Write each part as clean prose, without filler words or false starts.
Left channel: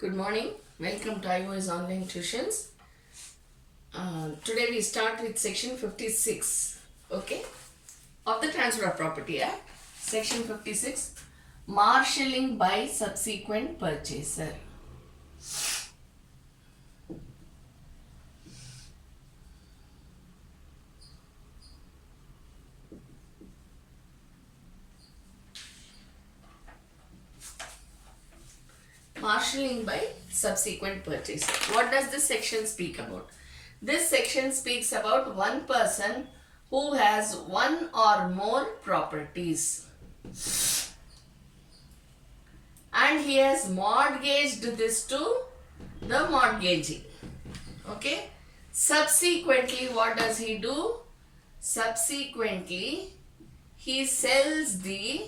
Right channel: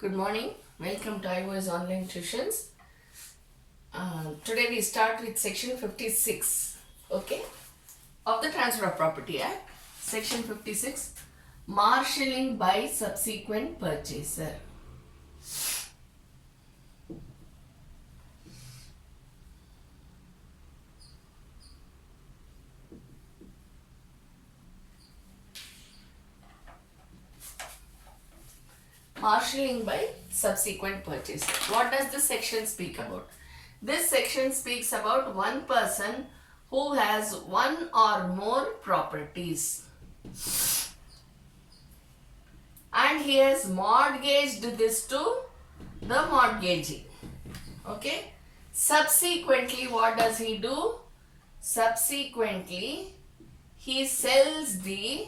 Good morning. Welcome to iOS Online Tuitions. Today we start with section 56, okay, of the Transfer of Property Act. Section 56, marshalling by subsequent purchaser. Marshalling by subsequent purchase. What does this section speak about? This section speaks about one person who has one or more properties and he has mortgaged this to the mortgagee. Okay. Subsequently, what does he do? Subsequently, he sells the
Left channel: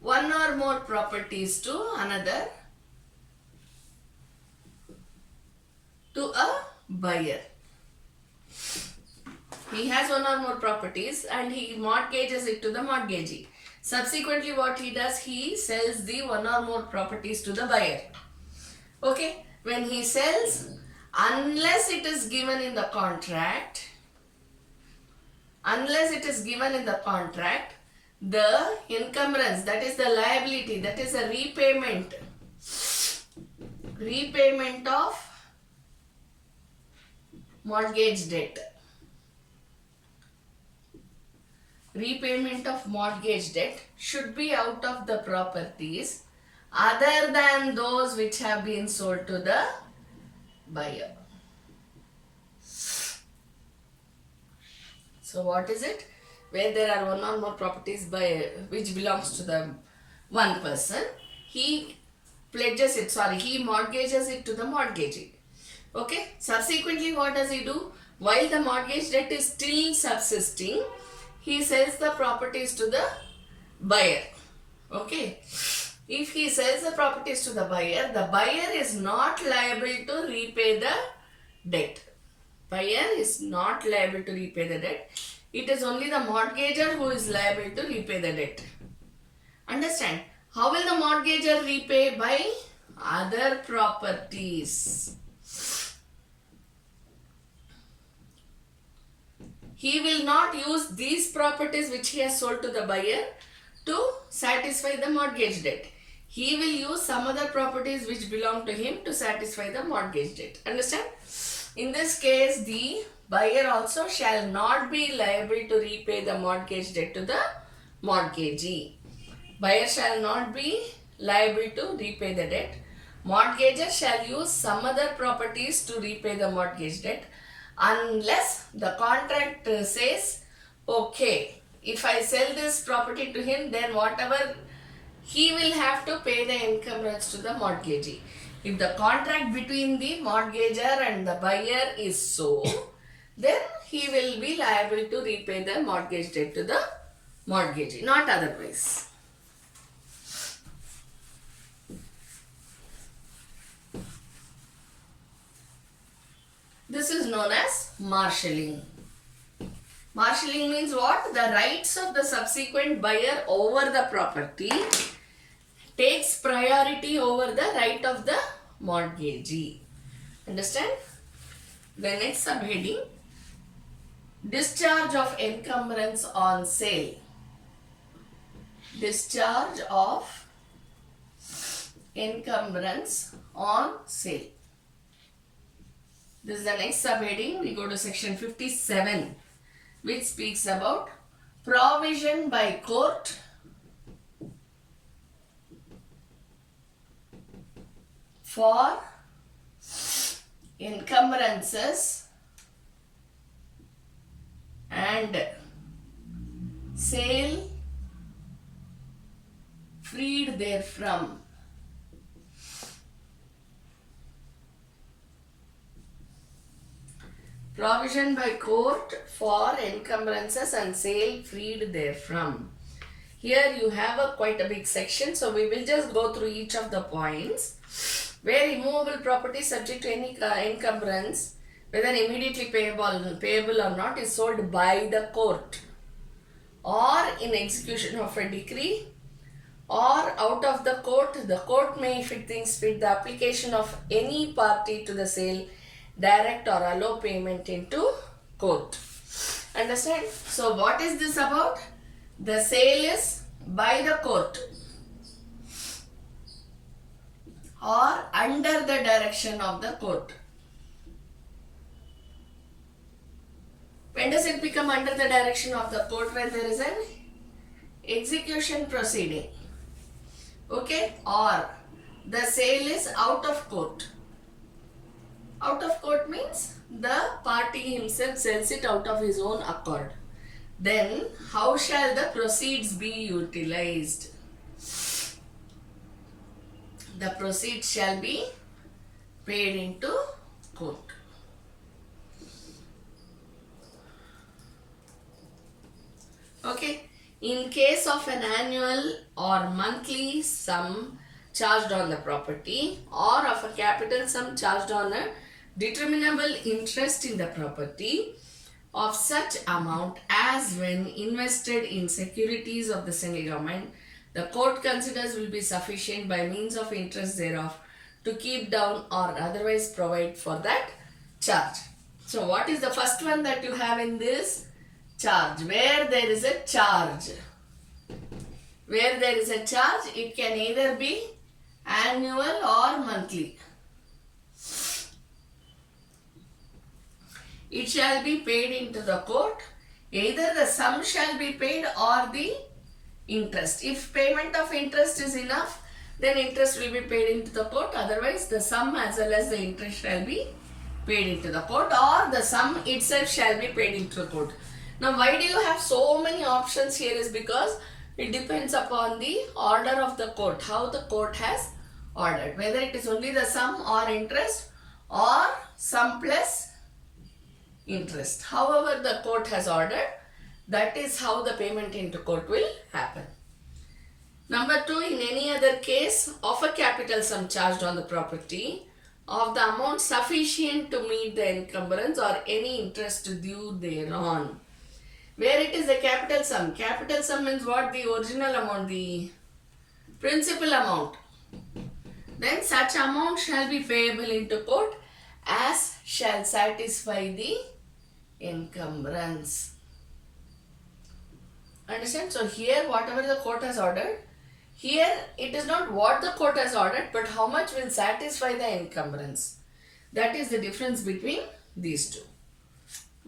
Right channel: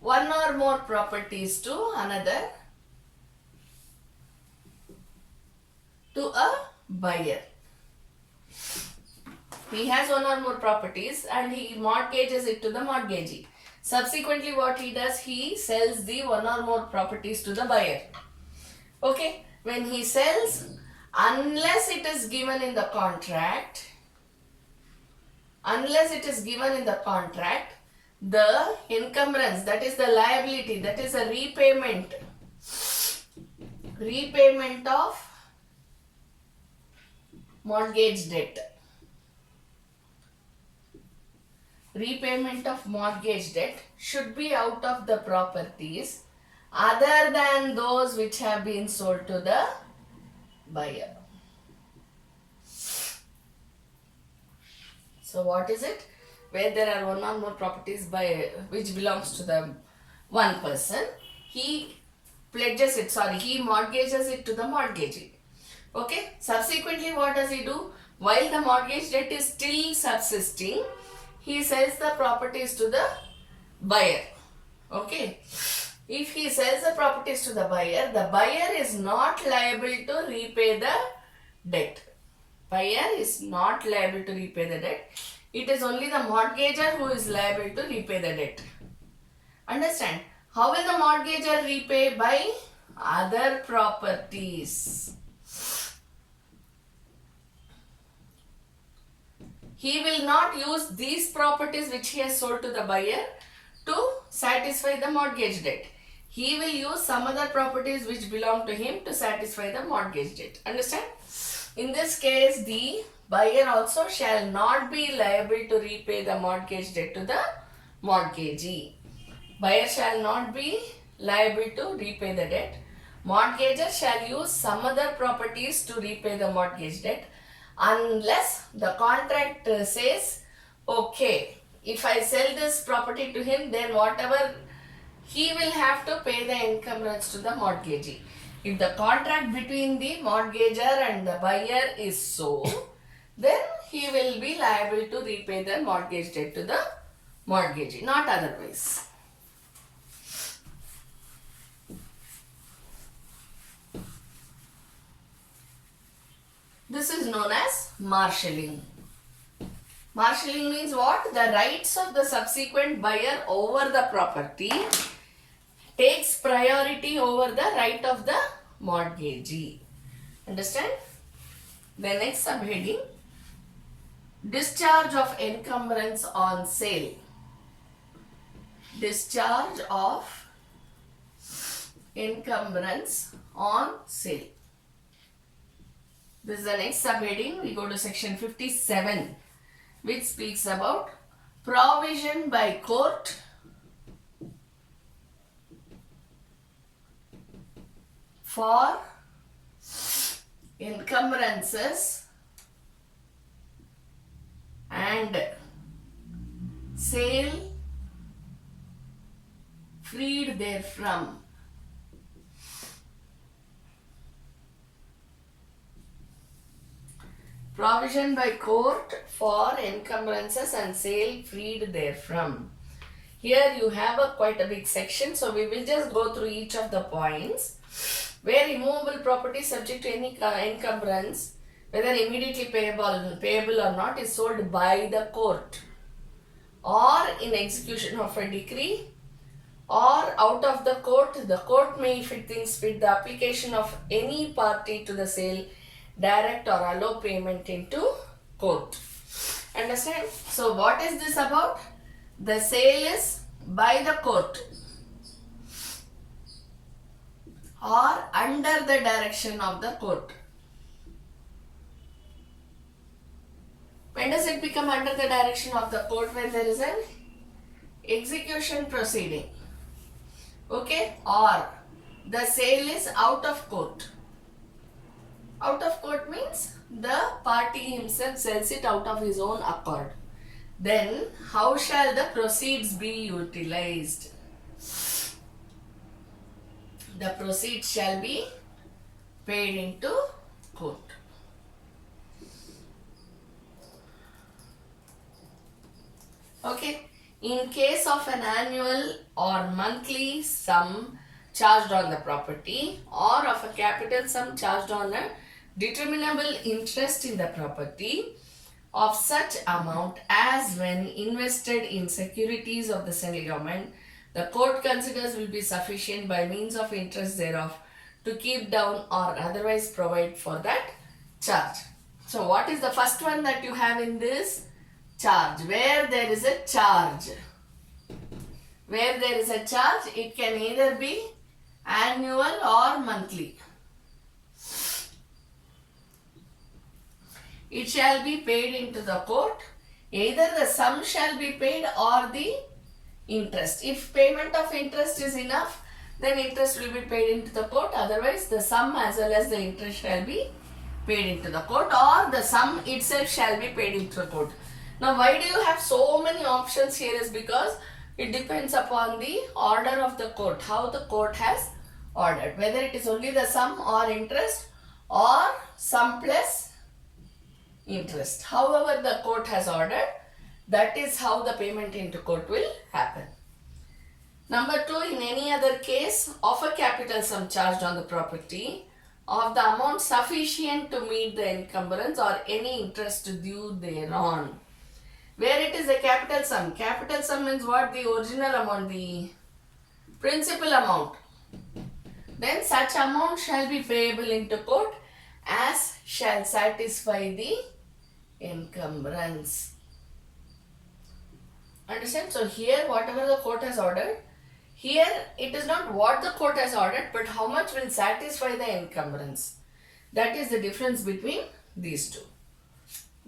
one or more properties to a buyer. He has one or more properties and he mortgages it to the mortgagee. Subsequently, what he does, he sells the one or more properties to the buyer. Okay, when he sells, unless it is given in the contract, the encumbrance, that is the liability, that is a repayment of mortgage debt. Repayment of mortgage debt should be out of the properties other than those which have been sold to the buyer. So what is it? Where there are one or more properties which belongs to the one person, he mortgages it to the mortgagee. Okay. Subsequently, what does he do? While the mortgage debt is still subsisting, he sells the properties to the buyer. Okay. If he sells the properties to the buyer is not liable to repay the debt. Buyer is not liable to repay the debt. It is only the mortgager who is liable to repay the debt. Understand? How will the mortgager repay? By other properties. He will not use these properties which he has sold to the buyer to satisfy the mortgage debt. He will use some other properties which belong to him to satisfy the mortgage debt. Understand? In this case, the buyer also shall not be liable to repay the mortgage debt to the mortgagee. Buyer shall not be liable to repay the debt. Mortgager shall use some other properties to repay the mortgage debt unless the contract says, okay, if I sell this property to him, then whatever he will have to pay the encumbrance to the mortgagee. If the contract between the mortgager and the buyer is so, then he will be liable to repay the mortgage debt to the mortgagee, not otherwise. This is known as marshalling. Marshalling means what? The rights of the subsequent buyer over the property takes priority over the right of the mortgagee. Understand? The next subheading, discharge of encumbrance on sale. Discharge of encumbrance on sale. This is the next subheading. We go to section 57, which speaks about provision by court for encumbrances and sale freed therefrom. Provision by court for encumbrances and sale freed therefrom. Here you have quite a big section, so we will just go through each of the points. Where immovable property subject to any encumbrance, whether immediately payable or not, is sold by the court or in execution of a decree or out of the court may, if it thinks fit, the application of any party to the sale, direct or allow payment into court. Understand? So what is this about? The sale is by the court or under the direction of the court. When does it become under the direction of the court? When there is an execution proceeding. Okay? Or the sale is out of court. Out of court means the party himself sells it out of his own accord. Then how shall the proceeds be utilized? The proceeds shall be paid into court. Okay. In case of an annual or monthly sum charged on the property, or of a capital sum charged on a determinable interest in the property of such amount as when invested in securities of the central government, the court considers will be sufficient by means of interest thereof to keep down or otherwise provide for that charge. So what is the first one that you have in this? Charge. Where there is a charge. Where there is a charge, it can either be annual or monthly. It shall be paid into the court. Either the sum shall be paid or the interest. If payment of interest is enough, then interest will be paid into the court. Otherwise, the sum as well as the interest shall be paid into the court, or the sum itself shall be paid into the court. Now, why do you have so many options here is because it depends upon the order of the court, how the court has ordered, whether it is only the sum or interest or sum plus interest. However the court has ordered, that is how the payment into court will happen. Number 2, in any other case of a capital sum charged on the property of the amount sufficient to meet the encumbrance or any interest due thereon. Where it is a capital sum means what? The original amount, the principal amount. Then such amount shall be payable into court as shall satisfy the encumbrance. Understand? So here whatever the court has ordered, here it is not what the court has ordered, but how much will satisfy the encumbrance. That is the difference between these two.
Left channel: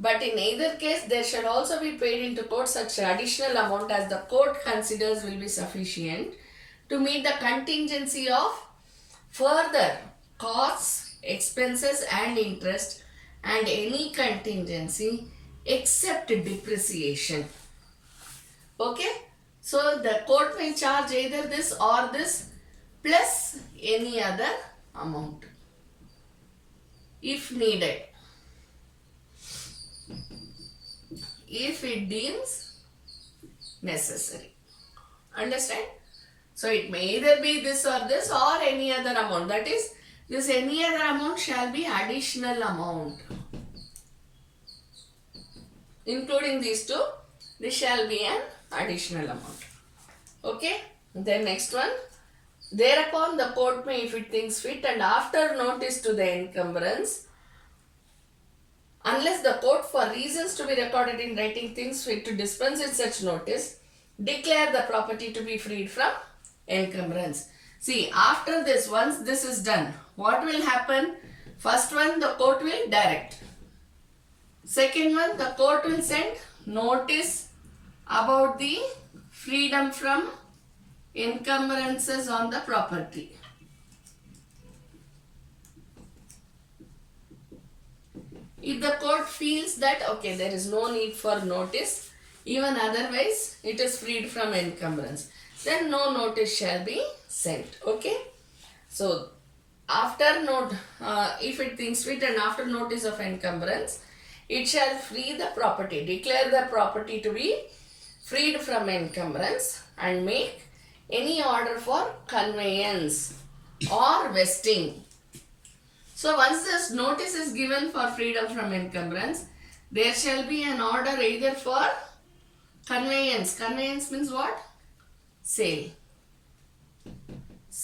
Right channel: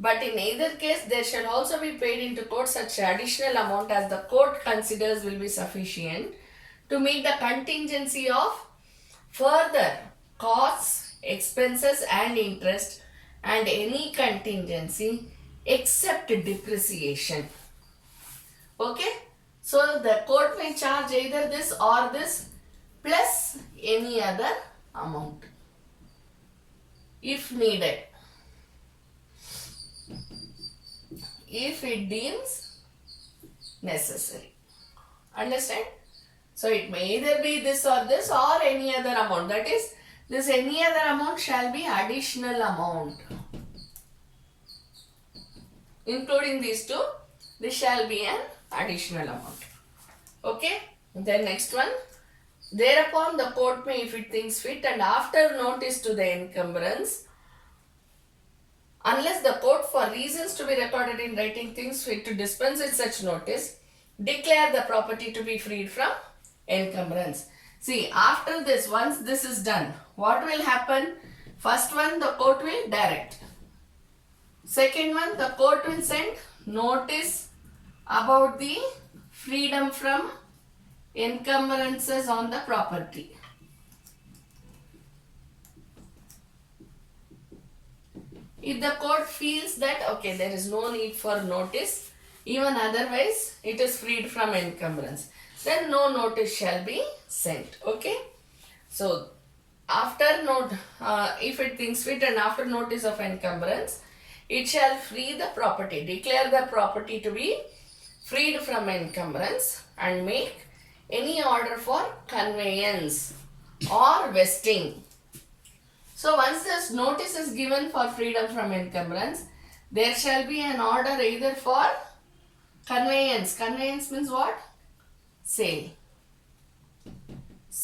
But in either case, there shall also be paid into court such additional amount as the court considers will be sufficient to meet the contingency of further costs, expenses and interest and any contingency except depreciation. Okay? So the court may charge either this or this plus any other amount if needed, if it deems necessary. Understand? So it may either be this or any other amount. That is, this any other amount shall be additional amount. Including these two, this shall be an additional amount. Okay? Then next one. Thereupon the court may, if it thinks fit, and after notice to the encumbrance, unless the court for reasons to be recorded in writing thinks fit to dispense with such notice, declare the property to be freed from encumbrance. See, after this, once this is done, what will happen? First one, the court will direct. Second one, the court will send notice about the freedom from encumbrances on the property. If the court feels that, okay, there is no need for notice, even otherwise it is freed from encumbrance, then no notice shall be sent. Okay? So, after note, if it thinks fit and after notice of encumbrance, it shall free the property, declare the property to be freed from encumbrance and make any order for conveyance or vesting. So once this notice is given for freedom from encumbrance, there shall be an order either for conveyance. Conveyance means what? Sale.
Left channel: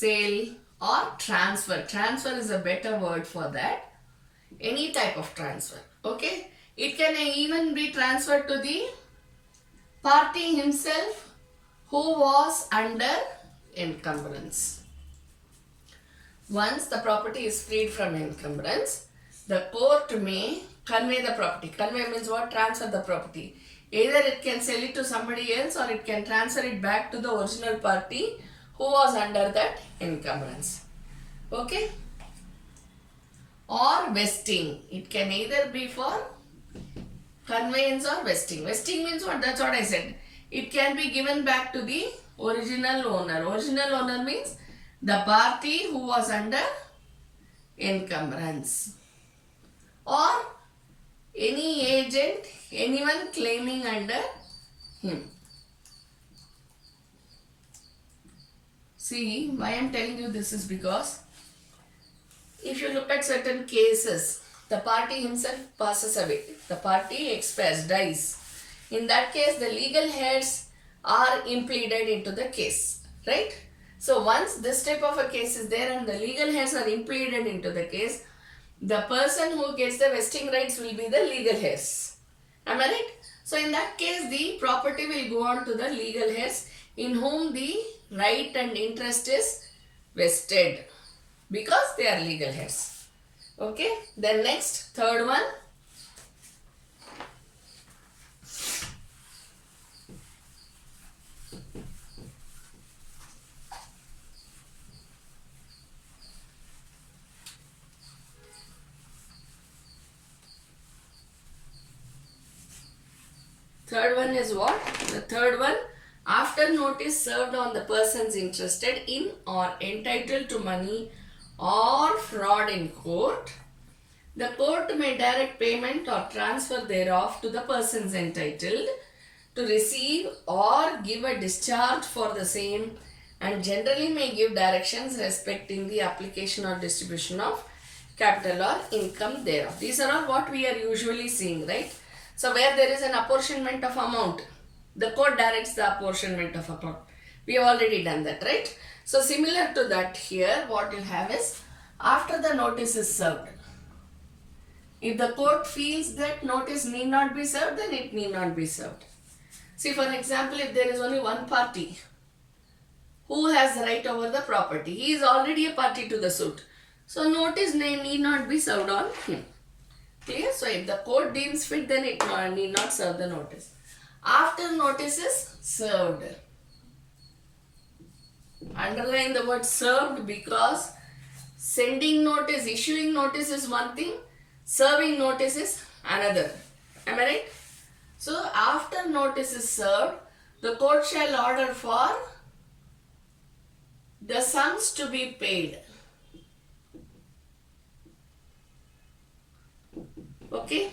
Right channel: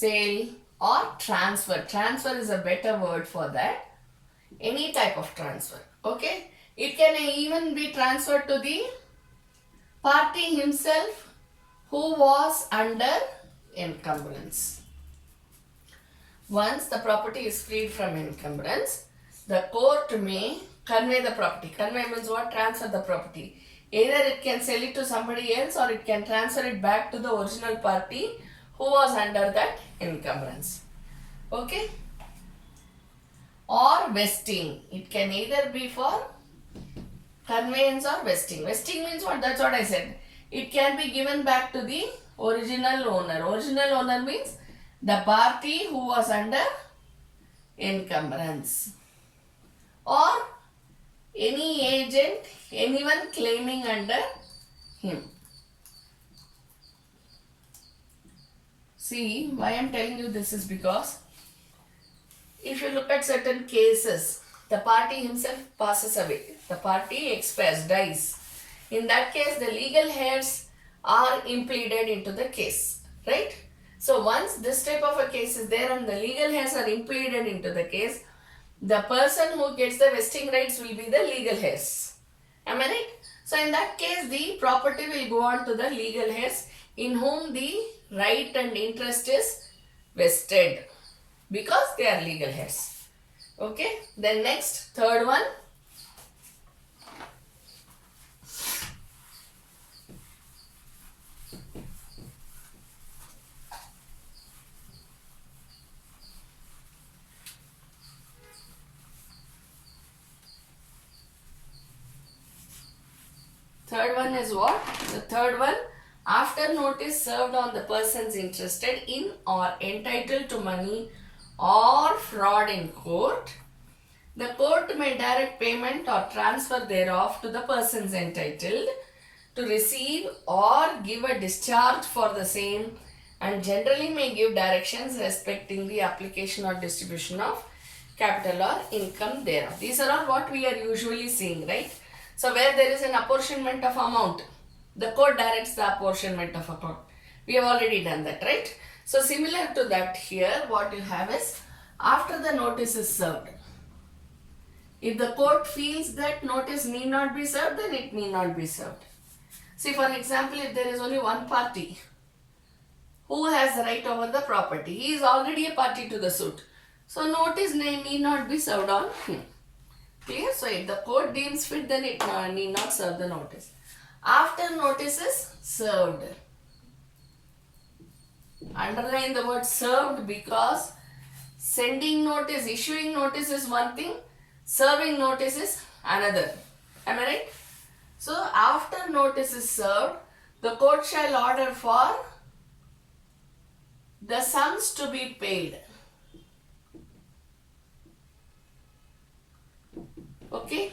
sale or transfer. Transfer is a better word for that. Any type of transfer. Okay. It can even be transferred to the party himself who was under encumbrance. Once the property is freed from encumbrance, the court may convey the property. Convey means what? Transfer the property. Either it can sell it to somebody else or it can transfer it back to the original party who was under that encumbrance. Okay? Or vesting. It can either be for conveyance or vesting. Vesting means what? That's what I said. It can be given back to the original owner. Original owner means the party who was under encumbrance. Or any agent, anyone claiming under him. See, why I am telling you this is because if you look at certain cases, the party himself passes away. The party expires, dies. In that case, the legal heirs are impleaded into the case, right? So once this type of a case is there and the legal heirs are impleaded into the case, the person who gets the vesting rights will be the legal heirs. Am I right? So in that case, the property will go on to the legal heirs in whom the right and interest is vested because they are legal heirs. Okay. Then next, third one. Third one is what? The third one, after notice served on the persons interested in or entitled to money or fraud in court, the court may direct payment or transfer thereof to the persons entitled to receive or give a discharge for the same, and generally may give directions respecting the application or distribution of capital or income thereof. These are all what we are usually seeing, right? So where there is an apportionment of amount, the court directs the apportionment of account. We have already done that, right? So similar to that here, what you have is after the notice is served. If the court feels that notice need not be served, then it need not be served. See, for example, if there is only one party who has the right over the property, he is already a party to the suit. So notice need not be served on him. Clear? So if the court deems fit, then it need not serve the notice. After notice is served. Underline the word served because sending notice, issuing notice is one thing, serving notice is another. Am I right? So after notice is served, the court shall order for the sums to be paid. Okay?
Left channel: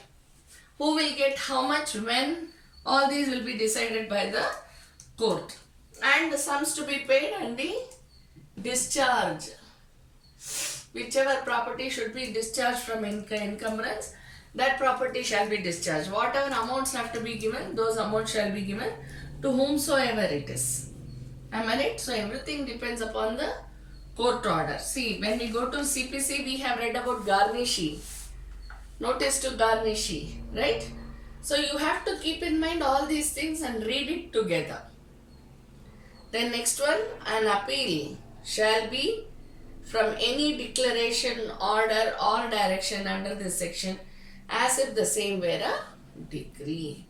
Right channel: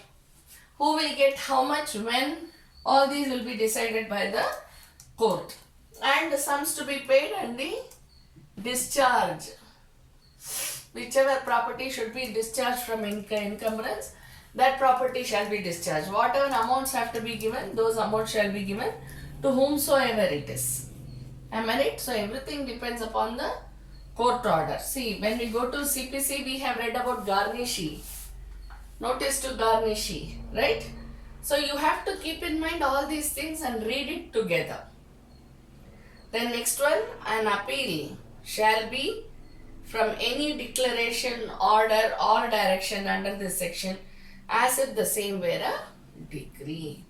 Who will get how much, when, all these will be decided by the court. And the sums to be paid and the discharge. Whichever property should be discharged from encumbrance, that property shall be discharged. Whatever amounts have to be given, those amounts shall be given to whomsoever it is. Am I right? So everything depends upon the court order. See, when we go to CPC, we have read about garnishee. Notice to garnishee, right? So you have to keep in mind all these things and read it together. Then next one, an appeal shall be from any declaration, order or direction under this section as if the same were a decree.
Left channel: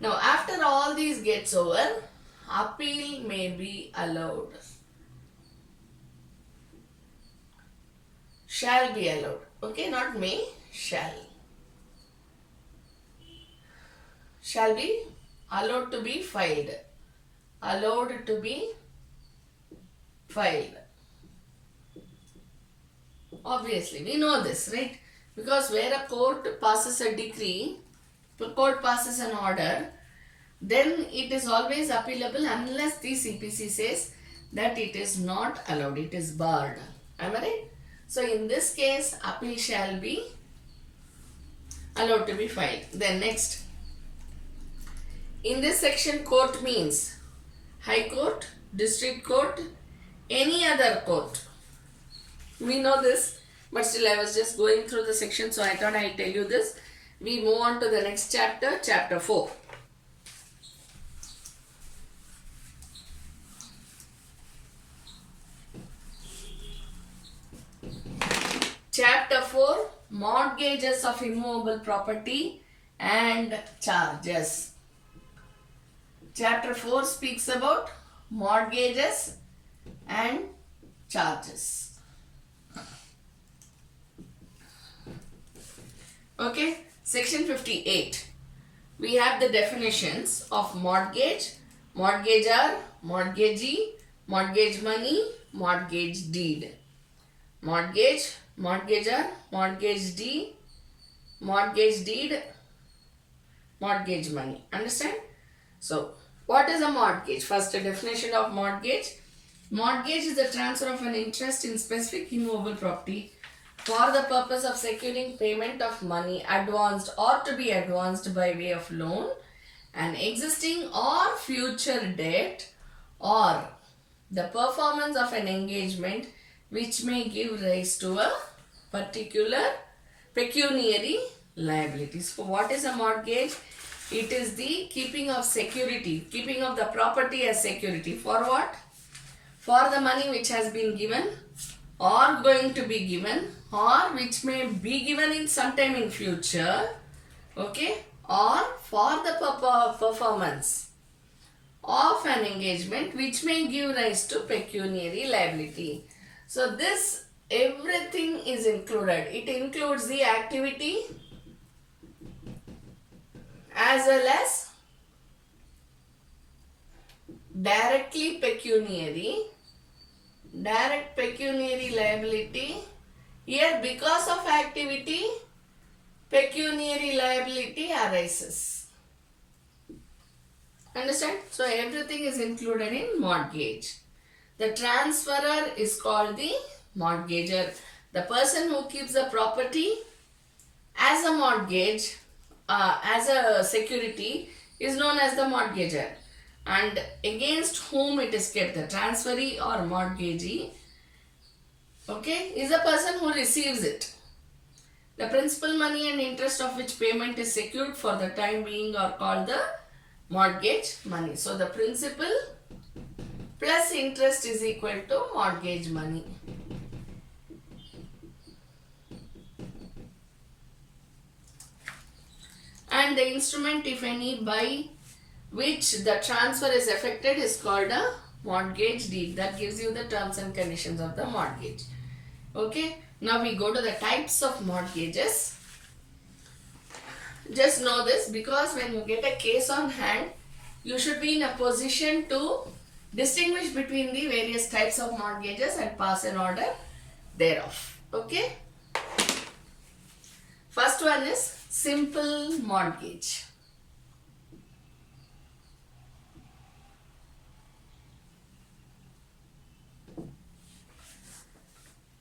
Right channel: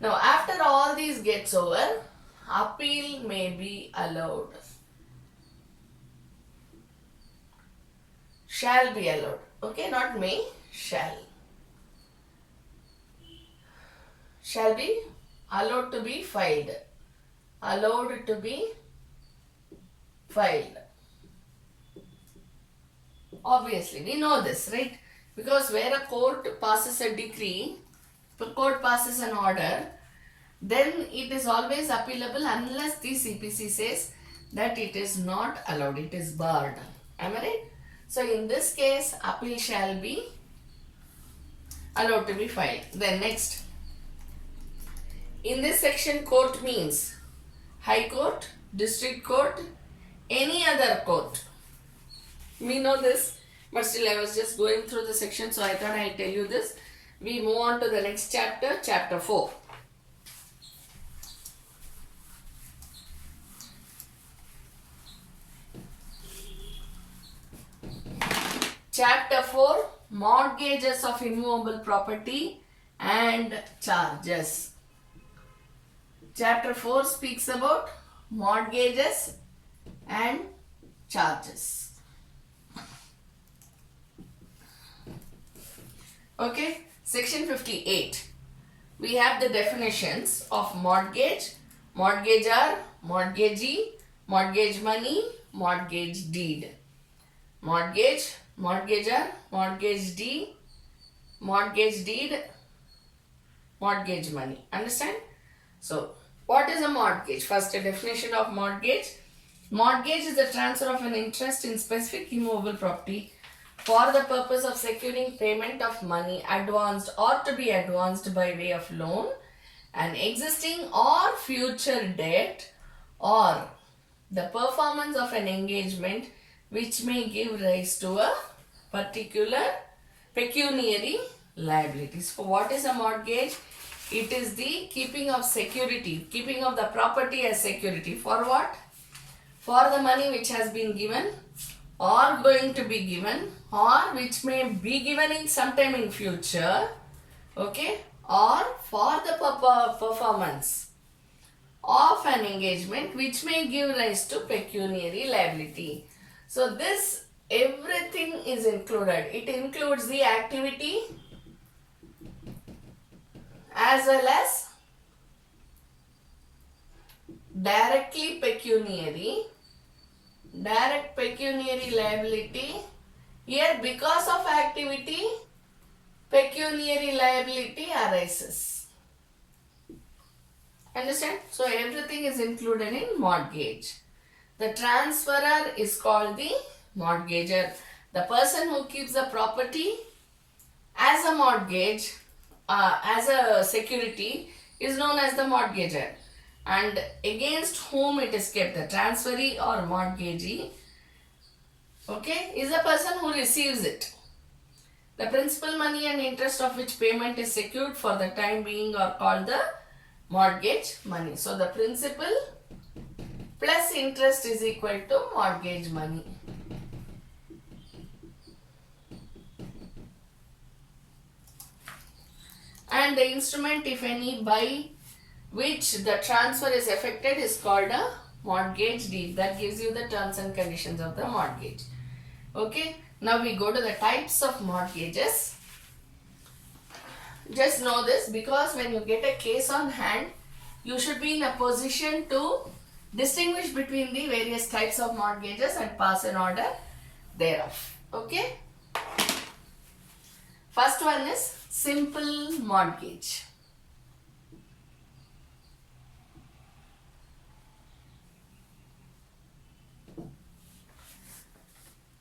Now after all these gets over, appeal may be allowed. Shall be allowed. Okay, not may, shall. Shall be allowed to be filed. Allowed to be filed. Obviously, we know this, right? Because where a court passes a decree, the court passes an order, then it is always appealable unless the CPC says that it is not allowed, it is barred. Am I right? So in this case, appeal shall be allowed to be filed. Then next, in this section, court means High Court, District Court, any other court. We know this, but still I was just going through the section, so I thought I'll tell you this. We move on to the next chapter, chapter 4. Chapter 4, Mortgages of Immovable Property and Charges. Chapter 4 speaks about mortgages and charges. Okay, section 58. We have the definitions of mortgage, mortgagor, mortgagee, mortgage money, mortgage deed. Mortgage, mortgagor, mortgage deed, mortgage money. Understand? So, what is a mortgage? First, a definition of mortgage. Mortgage is the transfer of an interest in specific immovable property for the purpose of securing payment of money advanced or to be advanced by way of loan, an existing or future debt, or the performance of an engagement which may give rise to a particular pecuniary liability. So, what is a mortgage? It is the keeping of security, keeping of the property as security. For what? For the money which has been given or going to be given or which may be given in sometime in future, okay, or for the performance of an engagement which may give rise to pecuniary liability. So this everything is included. It includes the activity as well as directly pecuniary, direct pecuniary liability. Here because of activity, pecuniary liability arises. Understand? So everything is included in mortgage. The transferor is called the mortgagor. The person who keeps the property as a mortgage, as a security, is known as the mortgagor. And against whom it is kept, the transferee or mortgagee, okay, is the person who receives it. The principal money and interest of which payment is secured for the time being are called the mortgage money. So the principal plus interest is equal to mortgage money. And the instrument, if any, by which the transfer is effected is called a mortgage deed. That gives you the terms and conditions of the mortgage. Okay. Now we go to the types of mortgages. Just know this, because when you get a case on hand, you should be in a position to distinguish between the various types of mortgages and pass an order thereof. Okay. First one is simple mortgage.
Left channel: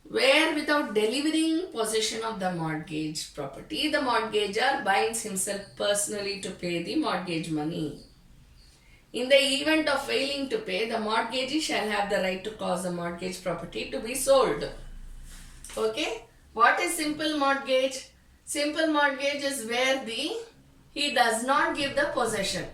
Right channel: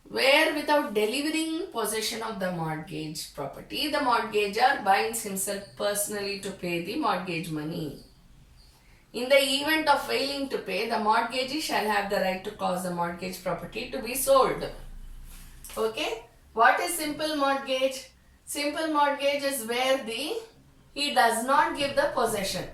Where without delivering possession of the mortgage property, the mortgagor binds himself personally to pay the mortgage money. In the event of failing to pay, the mortgagee shall have the right to cause the mortgage property to be sold. Okay. What is simple mortgage? Simple mortgage is where he does not give the possession.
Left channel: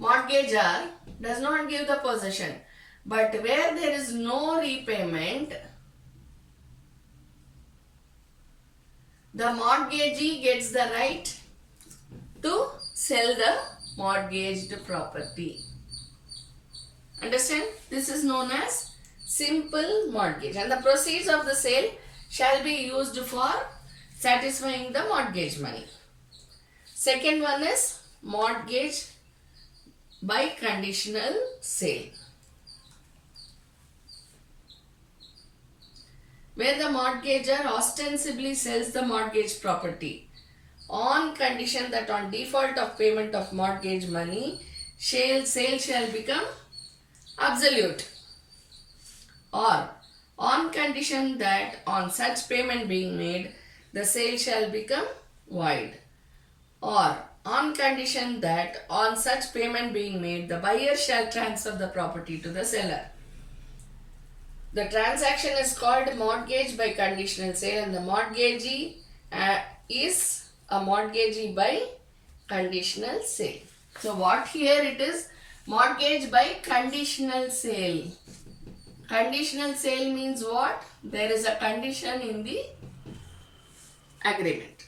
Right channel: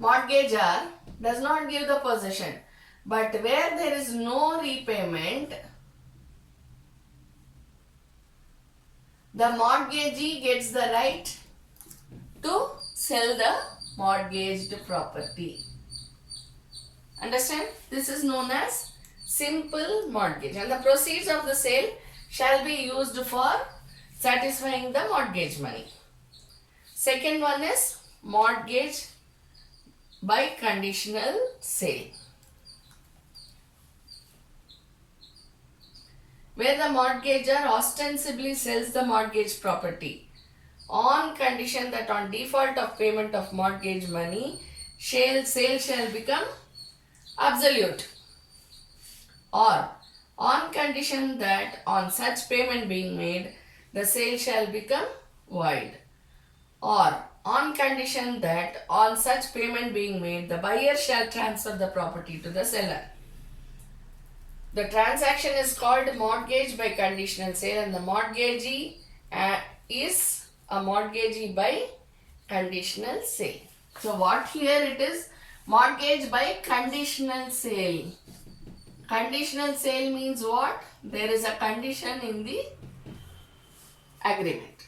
Mortgagor does not give the possession. But where there is no repayment, the mortgagee gets the right to sell the mortgaged property. Understand? This is known as simple mortgage, and the proceeds of the sale shall be used for satisfying the mortgage money. Second one is mortgage by conditional sale, where the mortgagor ostensibly sells the mortgage property on condition that on default of payment of mortgage money, sale shall become absolute, or on condition that on such payment being made, the sale shall become void, or on condition that on such payment being made, the buyer shall transfer the property to the seller. The transaction is called mortgage by conditional sale, and the mortgagee is a mortgagee by conditional sale. So what here it is? Mortgage by conditional sale. Conditional sale means what? There is a condition in the agreement.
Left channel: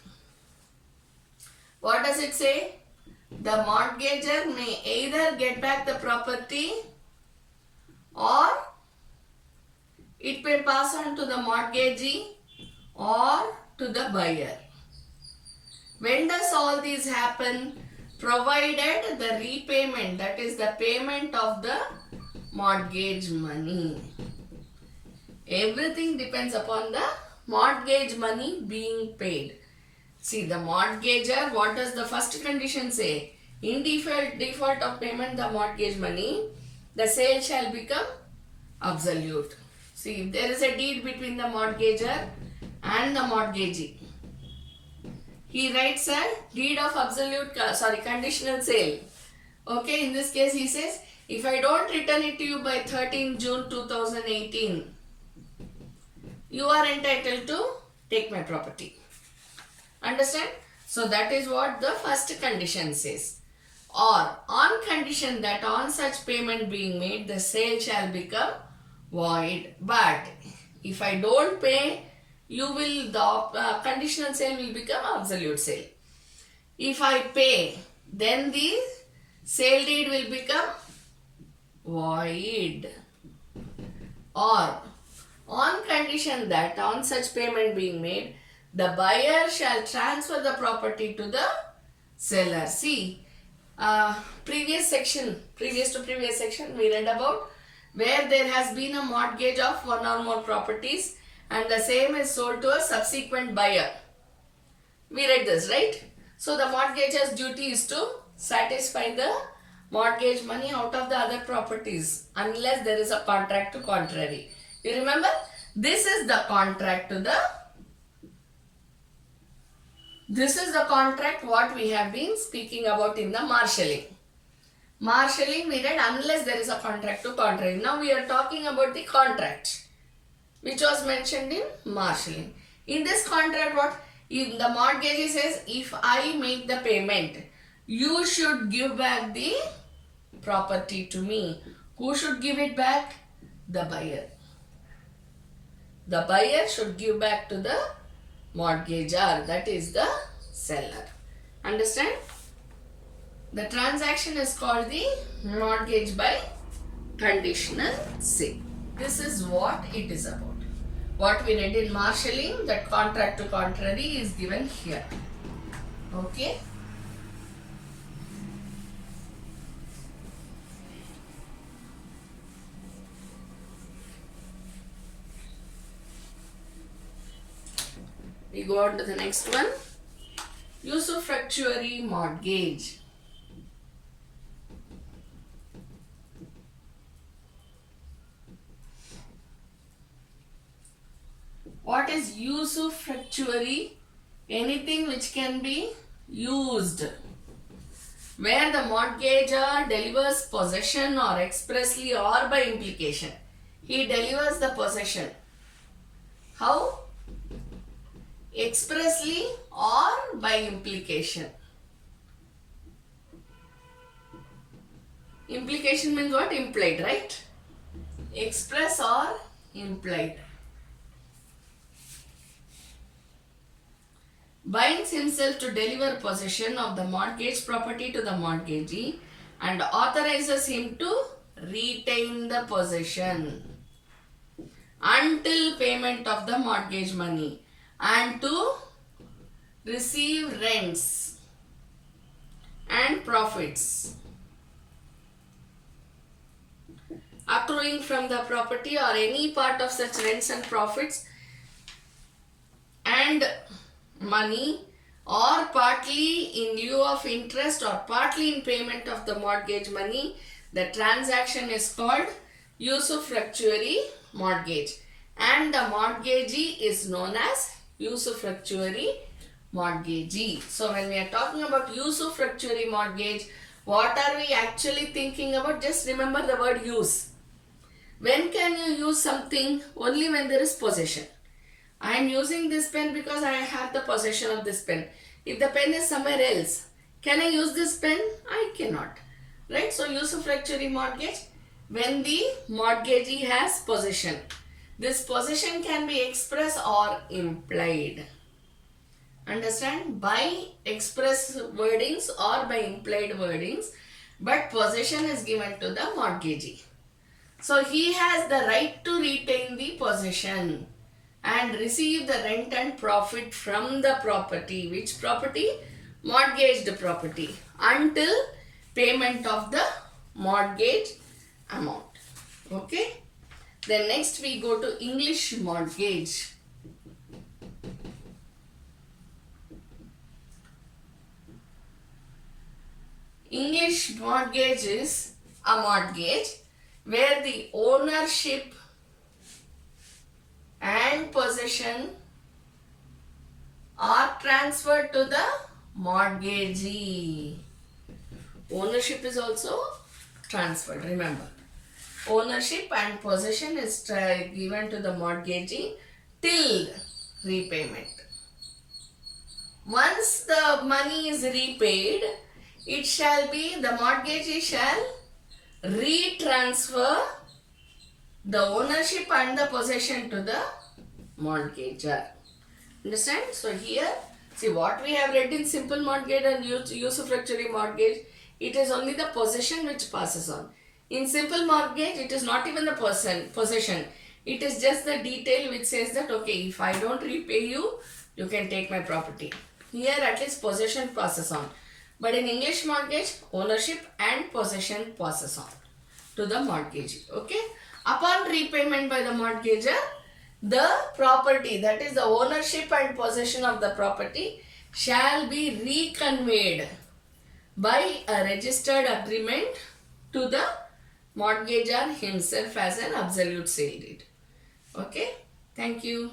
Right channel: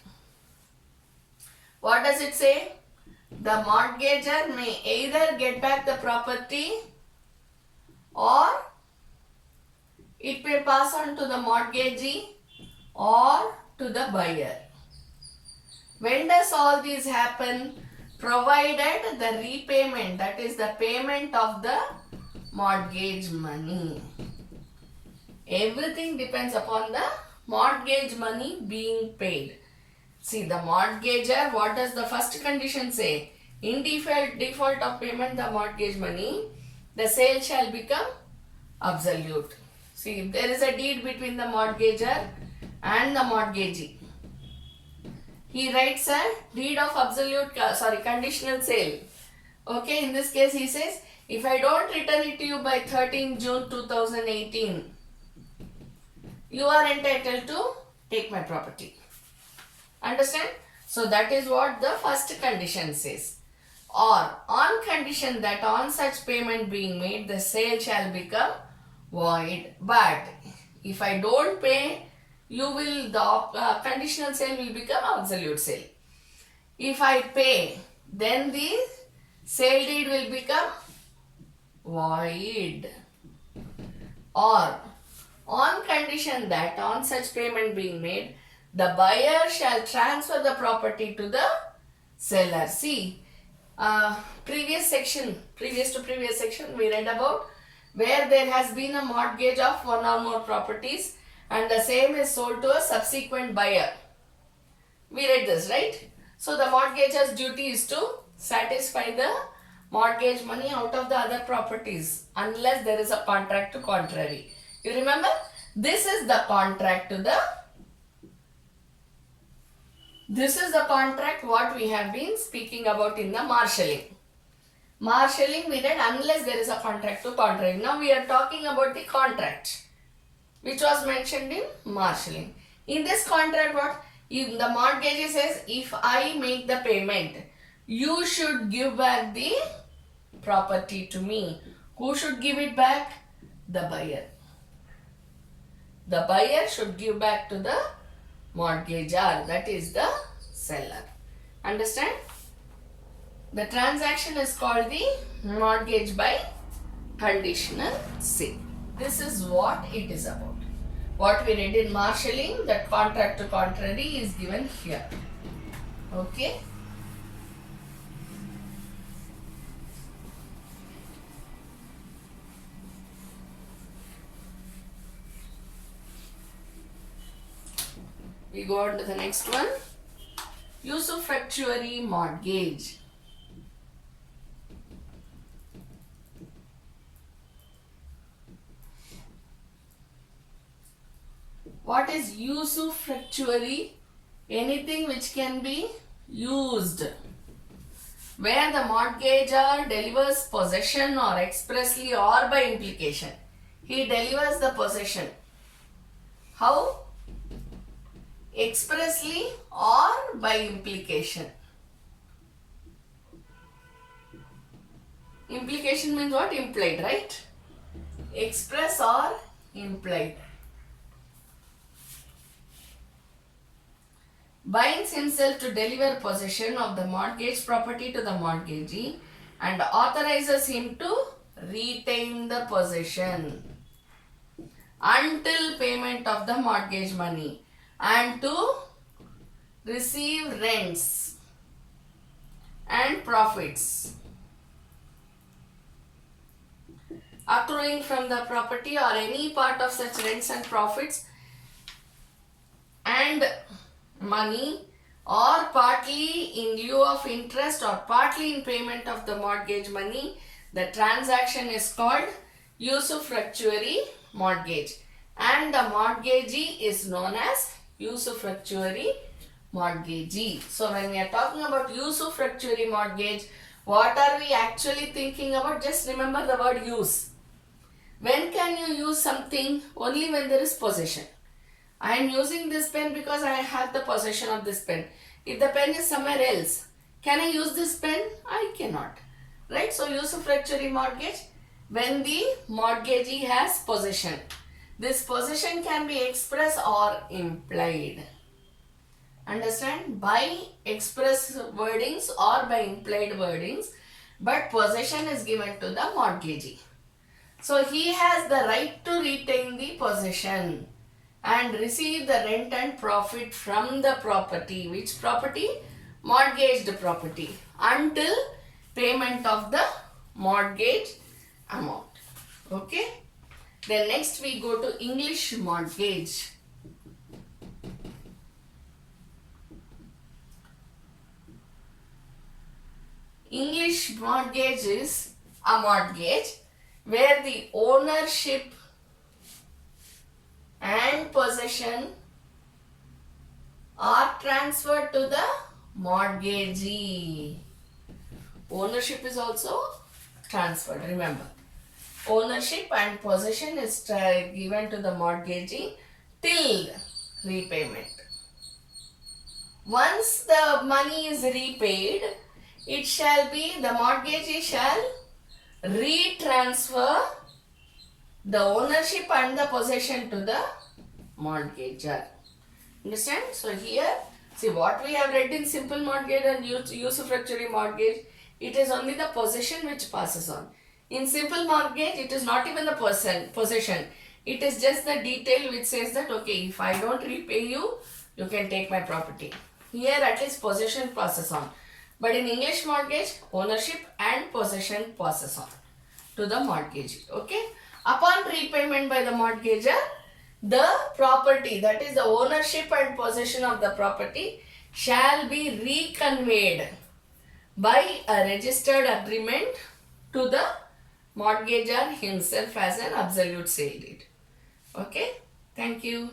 What does it say? The mortgagor may either get back the property or it may pass on to the mortgagee or to the buyer. When does all these happen? Provided the repayment, that is the payment of the mortgage money. Everything depends upon the mortgage money being paid. See, the mortgagor, what does the first condition say? In default of payment the mortgage money, the sale shall become absolute. See, if there is a deed between the mortgagor and the mortgagee, he writes a deed of conditional sale. Okay, in this case he says, if I don't return it to you by 13 June 2018, you are entitled to take my property. Understand? So that is what the first condition says. Or on condition that on such payment being made, the sale shall become void. But if I don't pay, the conditional sale will become absolute sale. If I pay, then the sale deed will become void. Or on condition that on such payment being made, the buyer shall transfer the property to the seller. See, previous section we read about where there has been a mortgage of one or more properties and the same is sold to a subsequent buyer. We read this, right? So the mortgageor's duty is to satisfy the mortgage money out of the other properties unless there is a contract to contrary. You remember? This is the contract what we have been speaking about in the marshalling. Marshalling we read unless there is a contract to contrary. Now we are talking about the contract which was mentioned in marshalling. In this contract, what? If the mortgagee says, if I make the payment, you should give back the property to me. Who should give it back? The buyer. The buyer should give back to the mortgagor, that is the seller. Understand? The transaction is called the mortgage by conditional sale. This is what it is about. What we read in marshalling, that contract to contrary is given here. Okay. We go on to the next one. Usufructuary mortgage. What is usufructuary? Anything which can be used. Where the mortgagor delivers possession or expressly or by implication. He delivers the possession. How? Expressly or by implication. Implication means what? Implied, right? Express or implied. Binds himself to deliver possession of the mortgage property to the mortgagee and authorizes him to retain the possession until payment of the mortgage money and to receive rents and profits accruing from the property or any part of such rents and profits and money or partly in lieu of interest or partly in payment of the mortgage money. The transaction is called usufructuary mortgage and the mortgagee is known as usufructuary mortgagee. So when we are talking about usufructuary mortgage, what are we actually thinking about? Just remember the word use. When can you use something? Only when there is possession. I am using this pen because I have the possession of this pen. If the pen is somewhere else, can I use this pen? I cannot. Right? So usufructuary mortgage, when the mortgagee has possession. This possession can be express or implied. Understand? By express wordings or by implied wordings, but possession is given to the mortgagee. So he has the right to retain the possession and receive the rent and profit from the property. Which property? Mortgaged property, until payment of the mortgage amount. Okay. Then next we go to English mortgage. English mortgage is a mortgage where the ownership and possession are transferred to the mortgagee. Ownership is also transferred, remember. Ownership and possession is given to the mortgagee till repayment. Once the money is repaid, it shall be, the mortgagee shall retransfer the ownership and the possession to the mortgagor. Understand? So here, see what we have read in simple mortgage and usufructuary mortgage, it is only the possession which passes on. In simple mortgage, it is not even the possession. It is just the detail which says that, okay, if I don't repay you, you can take my property. Here at least possession passes on. But in English mortgage, ownership and possession passes on to the mortgagee. Okay. Upon repayment by the mortgagor, the property, that is the ownership and possession of the property, shall be reconveyed by a registered agreement to the mortgagor himself as an absolute say deed. Okay. Thank you.